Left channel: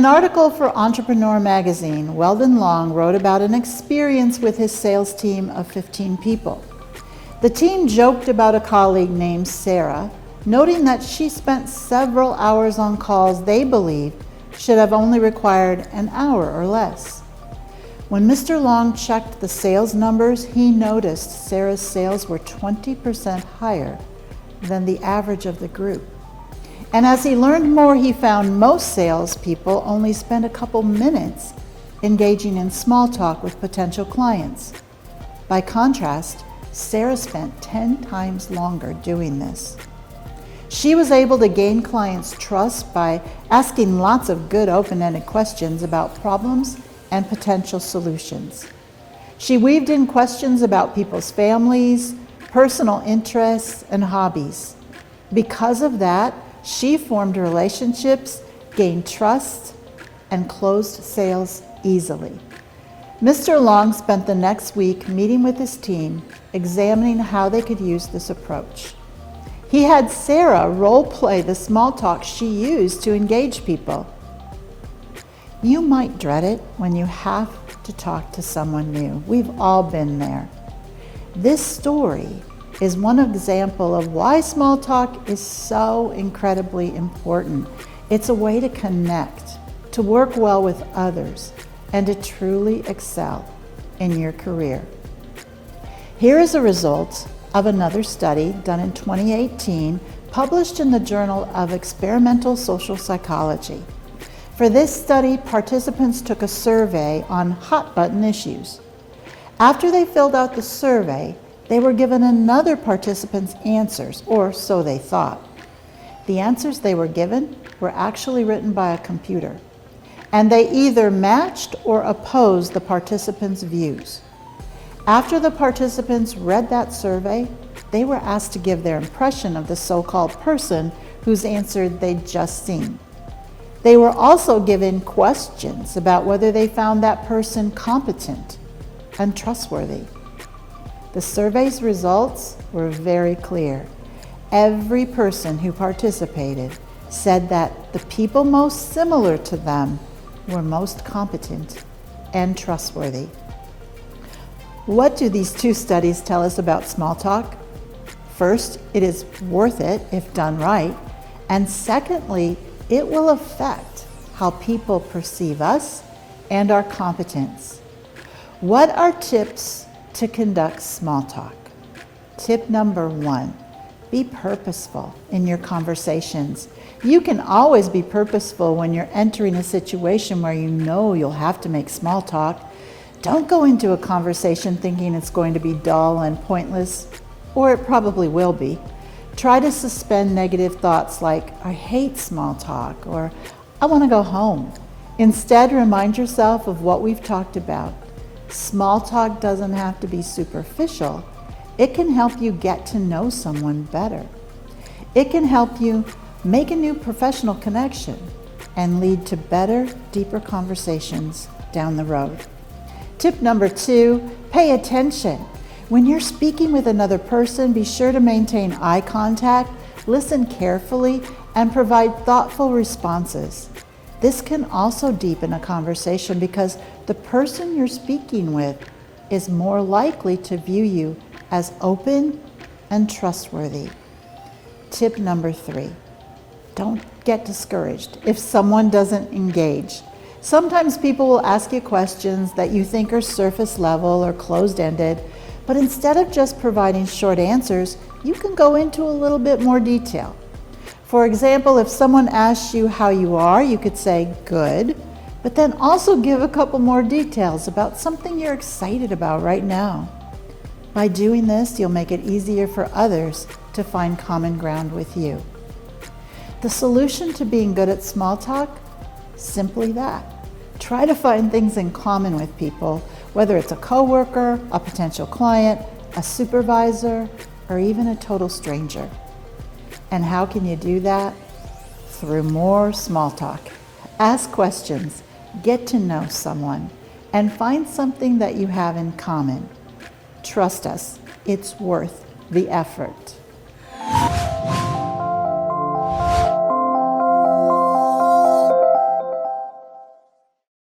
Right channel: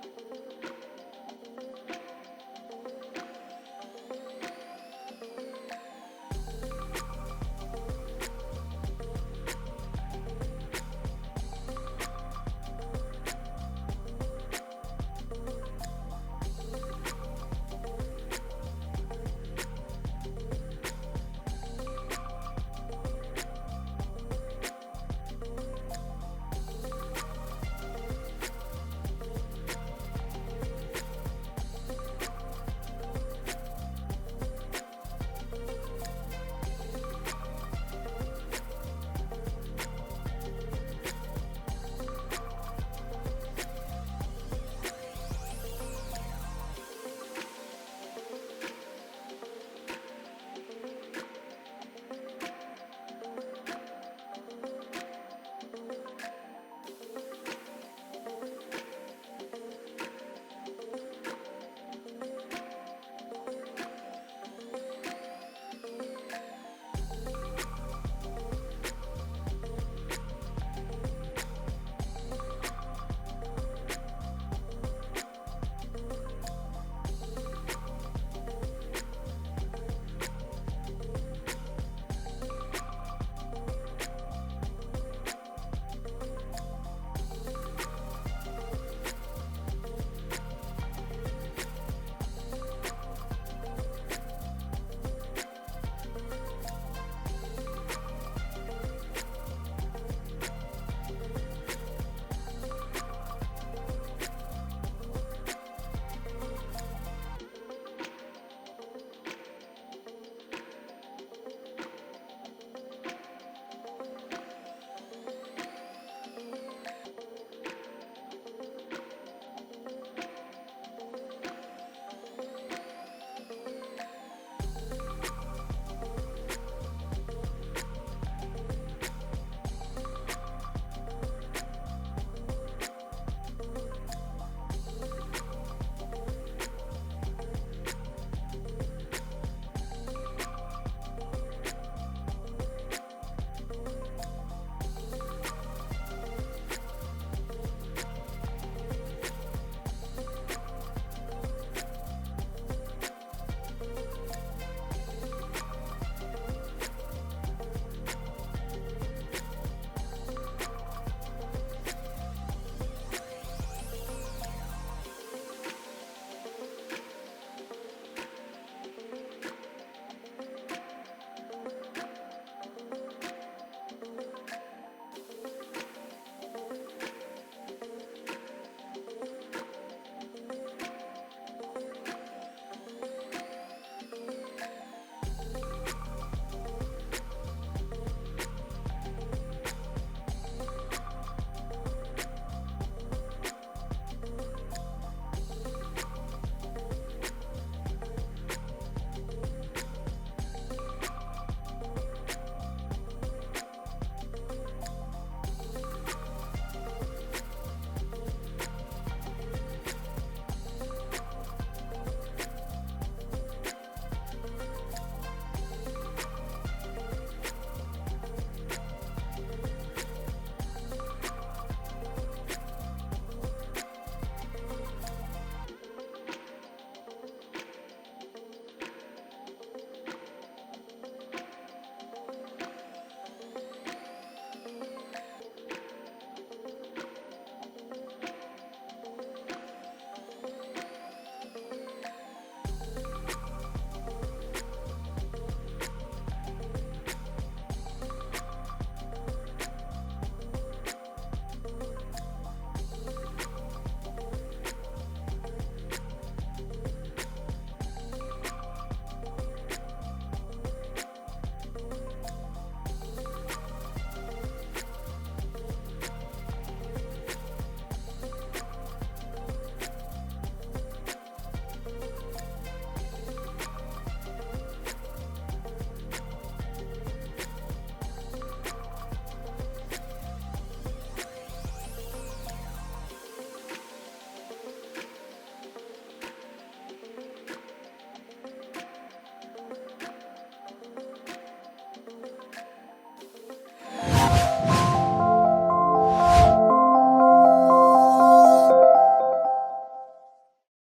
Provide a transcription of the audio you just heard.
an article for Entrepreneur magazine, Weldon Long wrote about an experience with his sales team of 15 people. The team joked about a colleague named Sarah, noting that she spent several hours on calls they believed should have only required an hour or less. When Mr. Long checked the sales numbers, he noticed Sarah's sales were 20% higher than the average of the group. And as he learned more, he found most salespeople only spend a couple minutes engaging in small talk with potential clients. By contrast, Sarah spent 10 times longer doing this. She was able to gain clients' trust by asking lots of good open-ended questions about problems and potential solutions. She weaved in questions about people's families, personal interests, and hobbies. Because of that, she formed relationships, gained trust, and closed sales easily. Mr. Long spent the next week meeting with his team, examining how they could use this approach. He had Sarah role-play the small talk she used to engage people. You might dread it when you have to talk to someone new. We've all been there. This story is one example of why small talk is so incredibly important. It's a way to connect, to work well with others, and to truly excel in your career. Here is a result of another study done in 2018, published in the Journal of Experimental Social Psychology. For this study, participants took a survey on hot-button issues. After they filled out the survey, they were given another participant's answers, or so they thought. The answers they were given were actually written by a computer, and they either matched or opposed the participants' views. After the participants read that survey, they were asked to give their impression of the so-called person whose answer they'd just seen. They were also given questions about whether they found that person competent and trustworthy. The survey's results were very clear. Every person who participated said that the people most similar to them were most competent and trustworthy. What do these two studies tell us about small talk? First, it is worth it if done right. And secondly, it will affect how people perceive us and our competence. What are tips to conduct small talk? Tip number 1, be purposeful in your conversations. You can always be purposeful when you're entering a situation where you know you'll have to make small talk. Don't go into a conversation thinking it's going to be dull and pointless, or it probably will be. Try to suspend negative thoughts like, I hate small talk, or I want to go home. Instead, remind yourself of what we've talked about. Small talk doesn't have to be superficial. It can help you get to know someone better. It can help you make a new professional connection and lead to better, deeper conversations down the road. Tip number 2, pay attention. When you're speaking with another person, be sure to maintain eye contact, listen carefully, and provide thoughtful responses. This can also deepen a conversation because the person you're speaking with is more likely to view you as open and trustworthy. Tip number 3, don't get discouraged if someone doesn't engage. Sometimes people will ask you questions that you think are surface level or closed-ended, but instead of just providing short answers, you can go into a little bit more detail. For example, if someone asks you how you are, you could say, good, but then also give a couple more details about something you're excited about right now. By doing this, you'll make it easier for others to find common ground with you. The solution to being good at small talk? Simply that. Try to find things in common with people, whether it's a coworker, a potential client, a supervisor, or even a total stranger. And how can you do that? Through more small talk. Ask questions, get to know someone, and find something that you have in common. Trust us, it's worth the effort.